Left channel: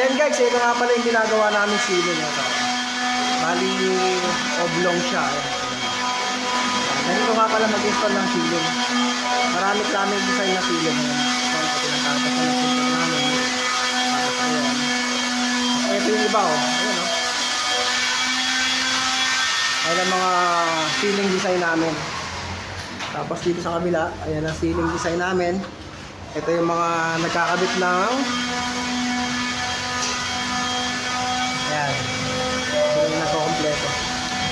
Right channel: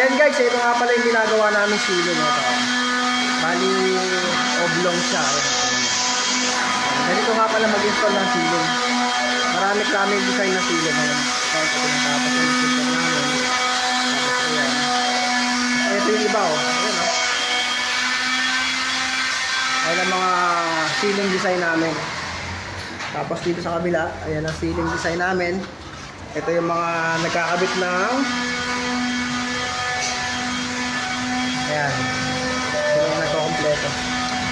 Ayan guys, ito nga pala yung ginagawa namin ceiling ito. Bali, oblong siya. Ayan. Ganito nga pala mag-install ng ceiling. Marami design na ceiling. Ayan. Kaya ito pinatapos na ng ceiling namin. Tapos ayan. Ito yung iba oh. Ayan oh. Ayan ang mga ceiling design namin. Tapos dito sa kabila, ayan ang ceiling design namin. Ito yung mga nagkakabit ng ayan. Ito yung nagkakompleto.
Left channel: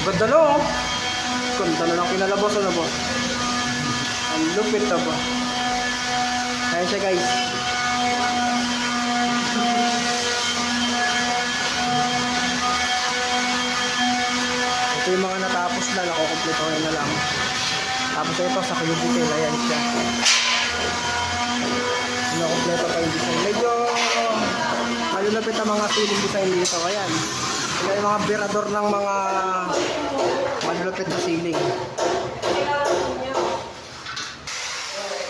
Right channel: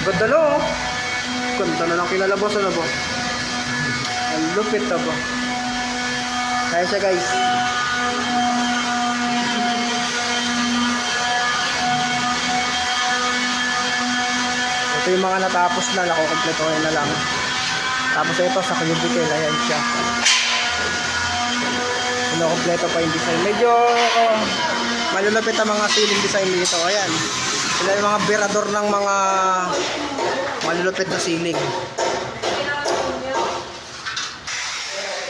Ganda no oh. Ganda na lang kinalabos na po. Ang lupit na po. Kaya siya guys. Ito yung mga natapos na, nakukompletohin na lang. Tapos ito sa cubicle, ayan siya. Kompleto pa yung design. Medyo malulupit ang mga ceiling design dito. Ayan. Sila yung mga birador ng mga malulupit na ceiling.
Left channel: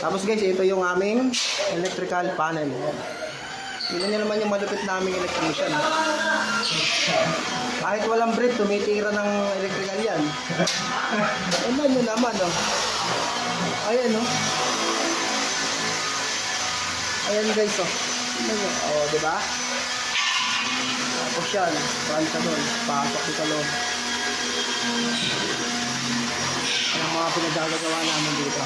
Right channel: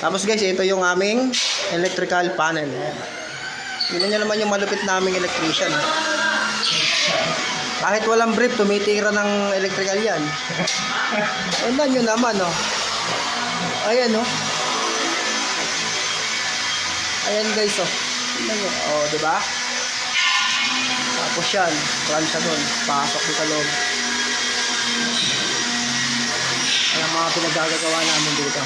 Tapos guys, ito yung aming electrical panel. Ayan. Tignan nyo naman yung malupit naming electrician. Kahit walang brief, tumitira ng electrical yan. Tignan nyo naman, oh. Ayan, oh. Ayan guys, oh. Tignan nyo. Oh, diba? Tapos yan, pransya doon. Pasok dito sa loob. Ayan ang mga pinagagagawa namin dito.